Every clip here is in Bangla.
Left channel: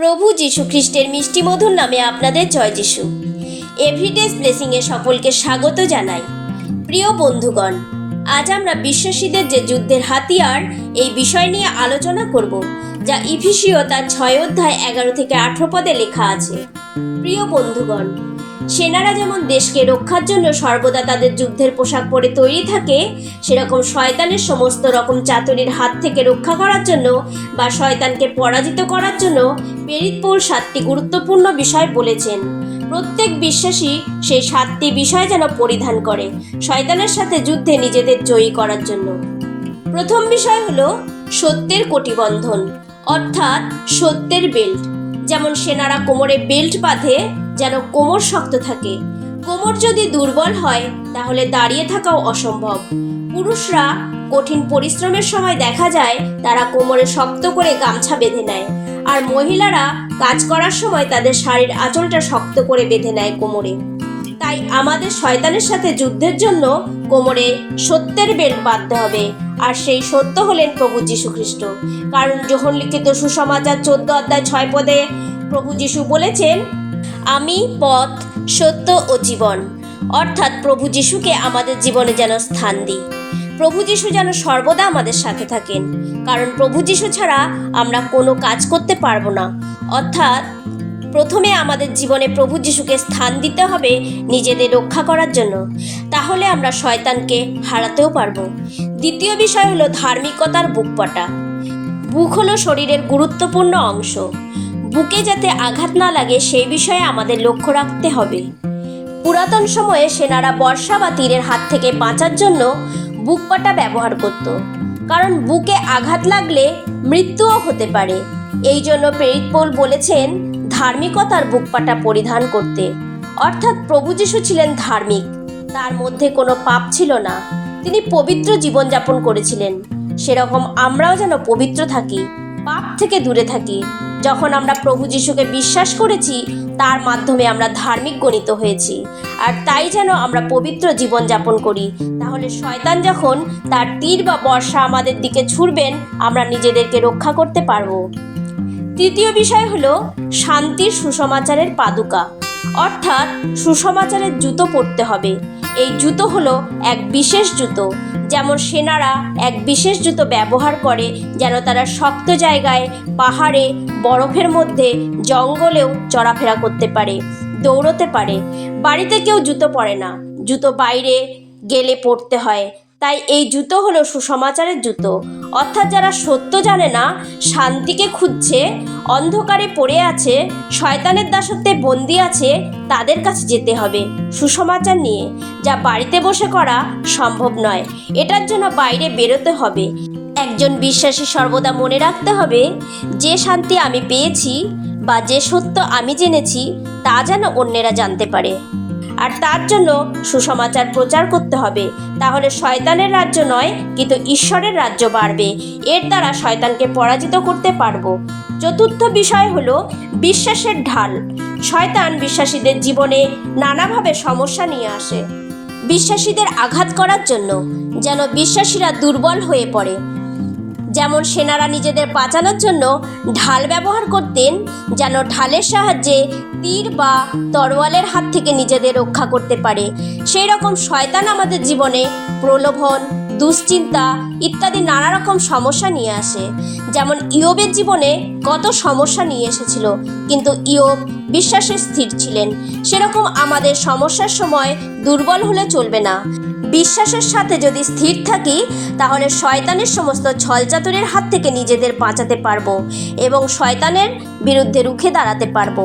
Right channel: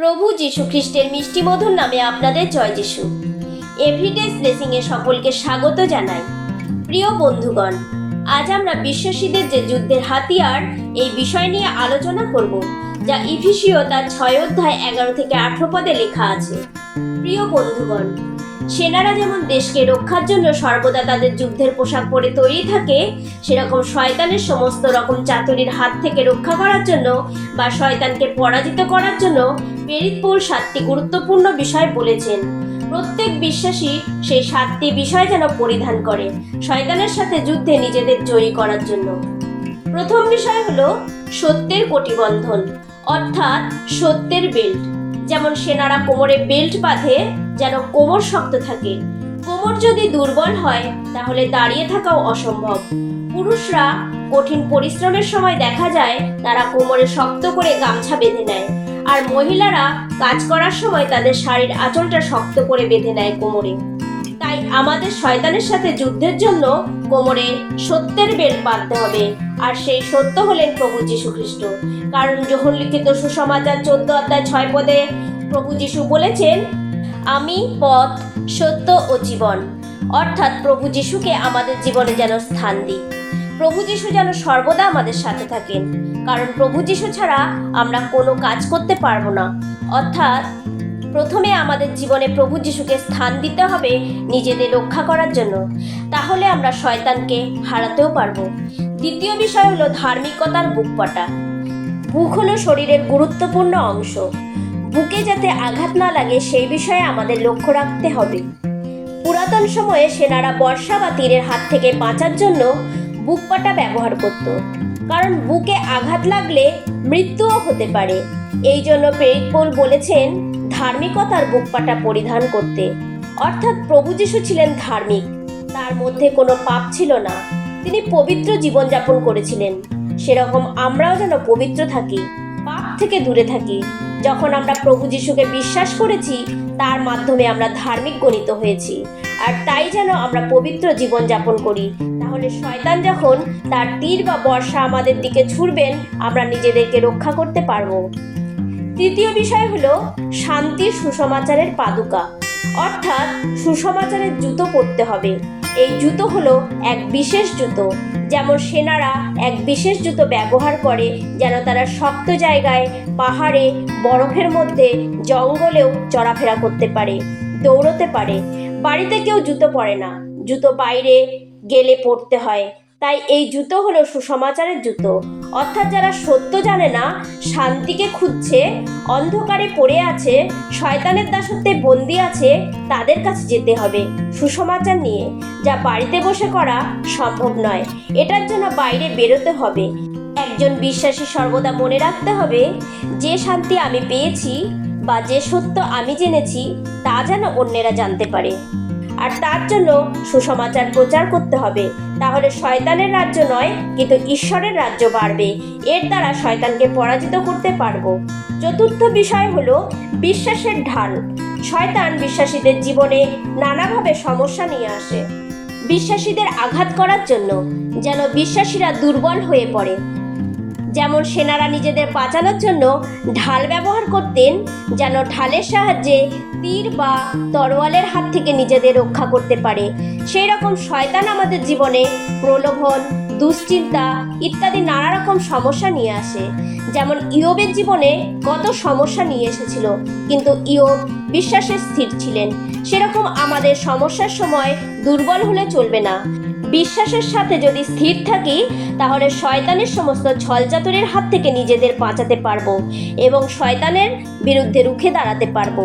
প্রভু যীশু খ্রিস্টের মিষ্টি মধুর নামে আপনাদের জয় যিশু। এভরিডেজ ব্লেসিংয়ে সকলকে স্বাগত জানাই। প্রিয় বন্ধুগণ, আজ আমরা বিশ্বাসীদের যে যুদ্ধের হাতিয়ার এই বিষয় নিয়ে আলোচনা করব, যা ইফিসীয় তার 6 অধ্যায় 11 থেকে 18 পদে লেখা আছে। প্রিয় বন্ধুগণ, সেনারা যেমন দেশকে রক্ষার জন্য সর্বদা তাদের যুদ্ধের পোশাক পরে তৈরি থাকে, সেরকম শয়তানের সমস্ত রকম চাতুরির হাত থেকে রক্ষা করার জন্য বা শয়তানকে পরাজিত করার জন্য প্রেরিত পৌল 7টি গুরুত্বপূর্ণ বিষয় বলেছেন। প্রত্যেক বিশ্বাসী সেই 7টি বিষয় যেন পরিধান করে শয়তানের সাথে যুদ্ধে নিজেদের জয়ী করার জন্য। প্রথম বিষয় হলো সত্যের কটিবন্ধন, অর্থাৎ সত্যের বেল্ট। যেমন সেনারা কোমরে বেল্ট বাঁধে যেন কোমর শক্ত থাকে। কোমর যদি দুর্বল হয় তাহলে দাঁড়িয়ে থাকাও অসম্ভব। পুরুষরা কঠিন পরিশ্রমের সময় দেখা যায় তারা কোমরে শক্ত করে গামছা বেঁধে নেয়, আর মহিলারা কাজ করার সময় তাদের শাড়ির আঁচলটা শক্ত করে বেঁধে নেয় কোমরে। তাই আমাদের শয়তানের সাথে যুদ্ধের জন্য কোমরে সত্যের বেল্ট বাঁধতে হবে, আর সেই সত্য হলেন প্রভু যীশু খ্রিস্ট। কারণ যোহন লিখিত সুসমাচার 14 অধ্যায় 6 পদে প্রভু যীশু বলেছেন, আমি পথ, সত্য ও জীবন। অর্থাৎ প্রভু যীশুকে আমাদের জীবনে যেন স্থান দিই। প্রভু যীশু যেন সর্বদা আমাদের সাথে থাকেন, কারণ প্রভু যীশু ছাড়া আমরা কোনো কাজ করতে পারবো না। অর্থাৎ প্রথমে আমাদের জীবনে প্রভু যীশুকে স্থান দিতে হবে নিজেদের রক্ষা করার জন্য, তাহলে আমরা শয়তানকে হারাতেও পারবো। দ্বিতীয় বিষয় হলো ধার্মিকতার বুকপটা। বুক হলো শরীরের গুরুত্বপূর্ণ অংশ। বুকে যাতে আঘাত না লাগে সেই বিষয়ে আমাদের লক্ষ্য রাখতে হবে। পুরাতন সময়ে সেনারা বর্ষা বা তীরের হাত থেকে বাঁচার জন্য বুকপাটা ব্যবহার করত, কারণ বুকে আঘাত লাগলে মৃত্যুও হতে পারে। এই জন্য প্রেরিত পৌল বলেছেন ধার্মিকতার বুকপাটা পরিধান করতে। অর্থাৎ প্রভু যীশু ছিলেন ধার্মিক, তার মধ্যে কোনো পাপ ছিল না, তিনি পবিত্র জীবনযাপন করেছিলেন। সেরকম আমরাও যেন পবিত্র থাকি, পাপ থেকে দূরে থাকি। যখন আমরা প্রভু যীশুকে বিশ্বাস করেছি, তার মাধ্যমে আমরা ধার্মিক গণিত হয়েছি, আর তাই যেন আমরা পবিত্র জীবনযাপন করি। তাহলে শয়তান যখন তার তীর বা বর্ষা আমাদের দিকে ছুড়বেন, আমরা নিজেদেরকে রক্ষা করতে পারবো। তৃতীয় বিষয় হলো শান্তির সুসমাচারের পাদুকা, অর্থাৎ সুসমাচারের জুতো পরতে হবে। এই জুতো হলো এক বিশেষ জুতো। যেমন সেনারা এক বিশেষ জুতো ব্যবহার করে যেন তারা শক্ত জায়গায়, পাহাড়ে, বরফের মধ্যে, জঙ্গলেও চলাফেরা করতে পারে, দৌড়তে পারে। বাড়িতে কেউ জুতো পরে না, জুতো বাইরে গেলে পরতে হয়। তাই এই জুতো হলো সুসমাচারের জুতো। অর্থাৎ যারা সত্য জানে না, শান্তিকে খুঁজছে, অন্ধকারে পড়ে আছে, শয়তানের দাসত্বে বন্দি আছে, তাদের কাছে যেতে হবে সুসমাচার নিয়ে, যা বাড়িতে বসে করা সম্ভব নয়। এটার জন্য বাইরে বেরোতে হবে। একজন বিশ্বাসী সর্বদা মনে রাখতে হবে, যে শান্তি আমি পেয়েছি বা যে সত্য আমি জেনেছি তা যেন অন্যেরা জানতে পারে, আর তার জন্য সুসমাচার প্রচার করতে হবে। তাহলে শয়তানের রাজ্য নয়, কিন্তু ঈশ্বরের রাজ্য বাড়বে। এর দ্বারা শয়তানকে পরাজিত করতে পারবো। চতুর্থ বিষয় হলো বিশ্বাসের ঢাল। শয়তান বিশ্বাসীদের জীবনে নানাভাবে সমস্যা নিয়ে আসে, বিশ্বাসীদের আঘাত করার জন্য, যেন বিশ্বাসীরা দুর্বল হয়ে পড়ে। যেমন সেনারা নিজেদের বাঁচানোর জন্য ঢাল ব্যবহার করতেন, যেন ঢালের সাহায্যে তীর বা তরোয়ালের হাত থেকে নিজেদের রক্ষা করতে পারে। সেই রকম শয়তান আমাদের জীবনে প্রলোভন, দুশ্চিন্তা ইত্যাদি নানা রকম সমস্যা নিয়ে আসে। যেমন ইয়োবের জীবনে কত সমস্যা নিয়ে এসেছিল, কিন্তু ইয়োব বিশ্বাসে স্থির ছিলেন। সেরকম আমাদের সমস্যার সময় দুর্বল হলে চলবে না। বিশ্বাসের সাথে যদি স্থির থাকি, তাহলে শয়তানের সমস্ত ছলচাতুরের হাত থেকে নিজেদের বাঁচাতে পারবো এবং শয়তানের বিরুদ্ধে রুখে দাঁড়াতে পারবো।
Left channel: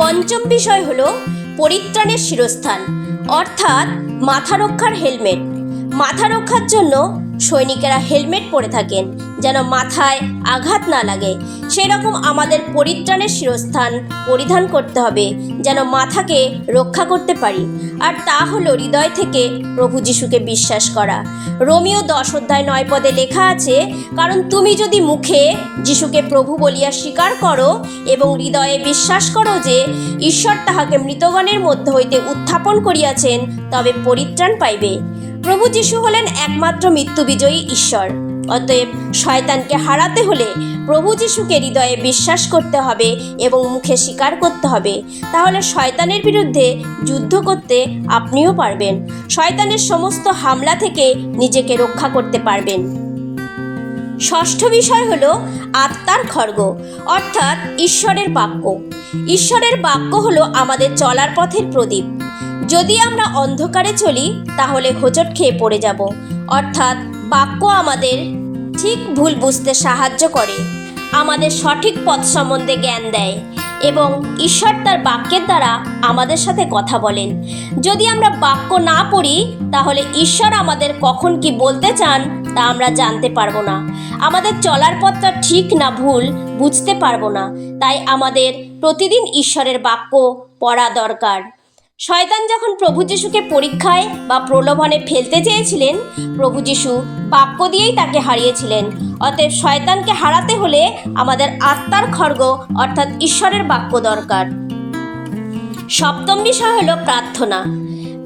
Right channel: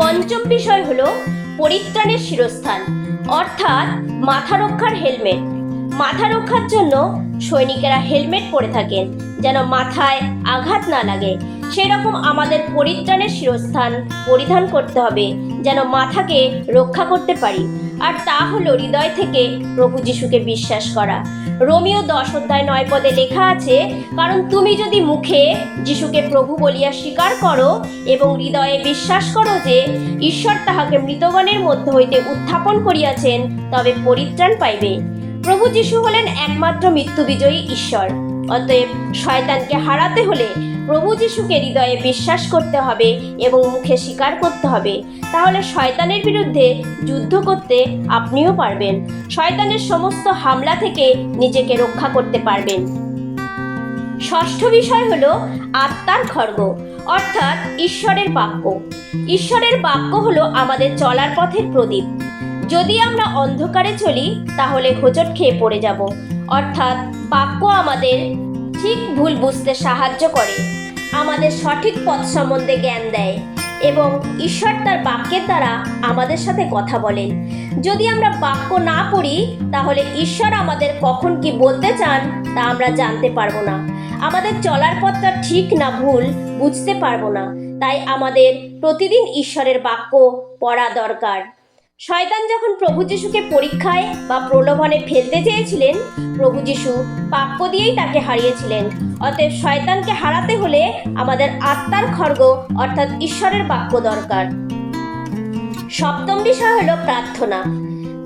পঞ্চম বিষয় হলো পরিত্রাণের শিরস্থান, অর্থাৎ মাথা রক্ষার হেলমেট। মাথা রক্ষার জন্য সৈনিকেরা হেলমেট পরে থাকেন যেন মাথায় আঘাত না লাগে। সেই রকম আমাদের পরিত্রাণের শিরস্থান পরিধান করতে হবে যেন মাথাকে রক্ষা করতে পারি, আর তা হলো হৃদয় থেকে প্রভু যীশুকে বিশ্বাস করা। রোমিও 10 অধ্যায় 9 পদে লেখা আছে, কারণ তুমি যদি মুখে যীশুকে প্রভু বলিয়া স্বীকার করো এবং হৃদয়ে বিশ্বাস করো যে ঈশ্বর তাহাকে মৃতগণের মধ্য হইতে উত্থাপন করিয়াছেন, তবে পরিত্রাণ পাইবে। প্রভু যীশু হলেন একমাত্র মৃত্যু বিজয়ী ঈশ্বর। অতএব শয়তানকে হারাতে হলে প্রভু যিশুকে হৃদয়ে বিশ্বাস করতে হবে এবং মুখে স্বীকার করতে হবে। তাহলে শয়তানের বিরুদ্ধে যুদ্ধ করতে আপনিও পারবেন। শয়তানের সমস্ত হামলা থেকে নিজেকে রক্ষা করতে পারবেন। ষষ্ঠ বিষয় হলো আত্মার খড়গ, অর্থাৎ ঈশ্বরের বাক্য। ঈশ্বরের বাক্য হলো আমাদের চলার পথের প্রদীপ। যদি আমরা অন্ধকারে চলি তাহলে হোঁচট খেয়ে পড়ে যাব। অর্থাৎ বাক্য আমাদের ঠিক ভুল বুঝতে সাহায্য করে, আমাদের সঠিক পথ সম্বন্ধে জ্ঞান দেয় এবং ঈশ্বর তার বাক্যের দ্বারা আমাদের সাথে কথা বলেন। যদি আমরা বাক্য না পড়ি তাহলে ঈশ্বর আমাদের কখন কি বলতে চান তা আমরা জানতে পারবো না। আমাদের চলার পথটা ঠিক না ভুল বুঝতে পারবো না। তাই আমাদের প্রতিদিন ঈশ্বরের বাক্য পড়া দরকার। শয়তান যখন প্রভু যিশুকে পরীক্ষায় বা প্রলোভনে ফেলতে চেয়েছিলেন, প্রভু যিশু বাক্য দিয়েই তাকে হারিয়েছিলেন। অতএব শয়তানকে হারাতে হলে আমাদের আত্মার খড়গ অর্থাৎ ঈশ্বরের বাক্য দরকার। সপ্তম বিষয় হলো প্রার্থনা।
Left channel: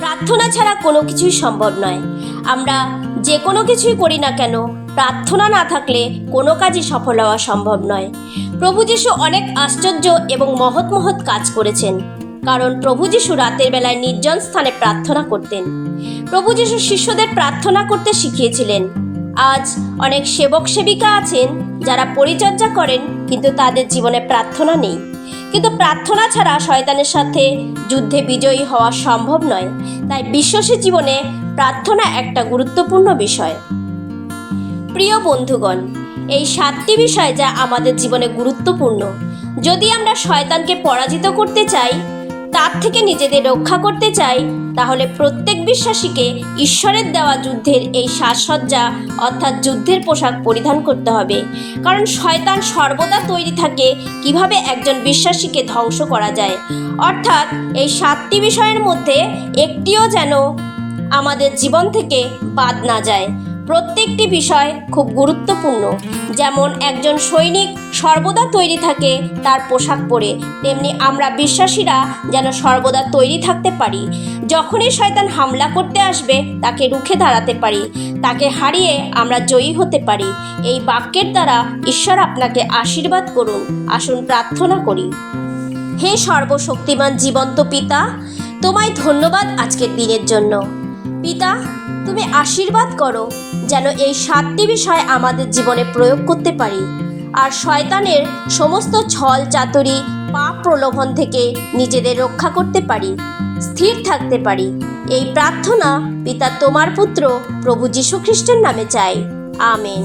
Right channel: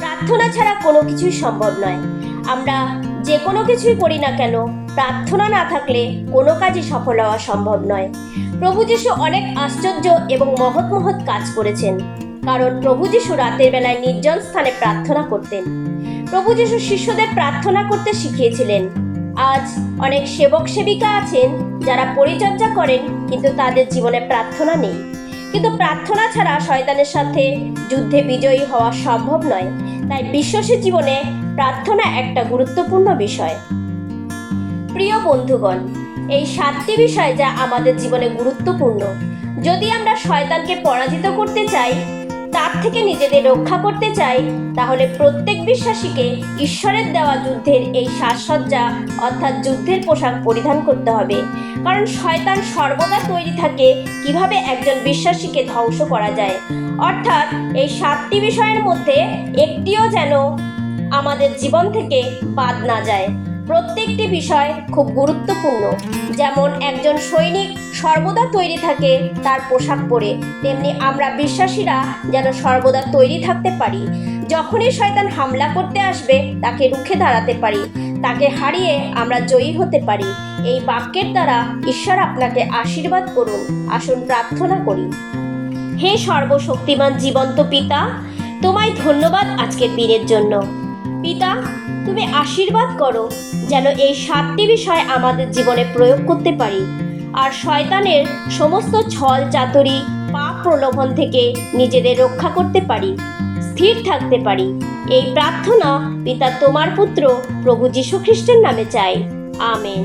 প্রার্থনা ছাড়া কোনো কিছুই সম্ভব নয়। আমরা যে কোনো কিছুই করি না কেন, প্রার্থনা না থাকলে কোনো কাজই সফল হওয়া সম্ভব নয়। প্রভু যিশু অনেক আশ্চর্য এবং মহৎ মহৎ কাজ করেছেন, কারণ প্রভু যিশু রাতের বেলায় নির্জন স্থানে প্রার্থনা করতেন। প্রভু যিশু শিষ্যদের প্রার্থনা করতে শিখিয়েছিলেন। আজ অনেক সেবক সেবিকা আছেন যারা পরিচর্যা করেন কিন্তু তাদের জীবনে প্রার্থনা নেই। কিন্তু প্রার্থনা ছাড়া শয়তানের সাথে যুদ্ধে বিজয়ী হওয়া সম্ভব নয়। তাই বিশ্বাসী জীবনে প্রার্থনা একটা গুরুত্বপূর্ণ বিষয়। প্রিয় বন্ধুগণ, এই 7টি বিষয় যা আমাদের জীবনে গুরুত্বপূর্ণ। যদি আমরা শয়তানকে পরাজিত করতে চাই, তার থেকে নিজেদের রক্ষা করতে চাই, তাহলে প্রত্যেক বিশ্বাসীকে ঈশ্বরের দেওয়া যুদ্ধের এই সাজসজ্জা অর্থাৎ যুদ্ধের পোশাক পরিধান করতে হবে। কারণ শয়তান সর্বদা তৈরি থাকে কিভাবে একজন বিশ্বাসীকে ধ্বংস করা যায়। অর্থাৎ এই 7টি বিষয়ের মধ্যে একটিও যেন আমাদের জীবন থেকে বাদ না যায়। প্রত্যেকটি বিষয় খুব গুরুত্বপূর্ণ। যেমন একজন সৈনিক সর্বদা তৈরি থাকে তার পোশাক পরে, তেমনি আমরা বিশ্বাসীরা যেন সর্বদা তৈরি থাকতে পারি। যখনই শয়তান হামলা করতে আসবে তাকে রুখে দাঁড়াতে পারি, তাকে হারিয়ে আমরা জয়ী হতে পারি। এই বাক্যের দ্বারা ঈশ্বর আপনাকে আশীর্বাদ করুন। আসুন প্রার্থনা করি। হে সর্বশক্তিমান জীবন্ত পিতা, তোমায় ধন্যবাদ আজকের দিনের জন্য। পিতা, তুমি আশীর্বাদ করো যেন এই 7টি বিষয় আমাদের জীবনে প্রয়োগ করতে পারি আর শয়তানের সমস্ত ছল চাতুরি পাপ প্রলোভন থেকে নিজেদের রক্ষা করতে পারি, স্থির থাকতে পারি। এই প্রার্থনা পিতা তোমার পুত্র প্রভু যীশু খ্রিস্টের নামে চাই। আমেন।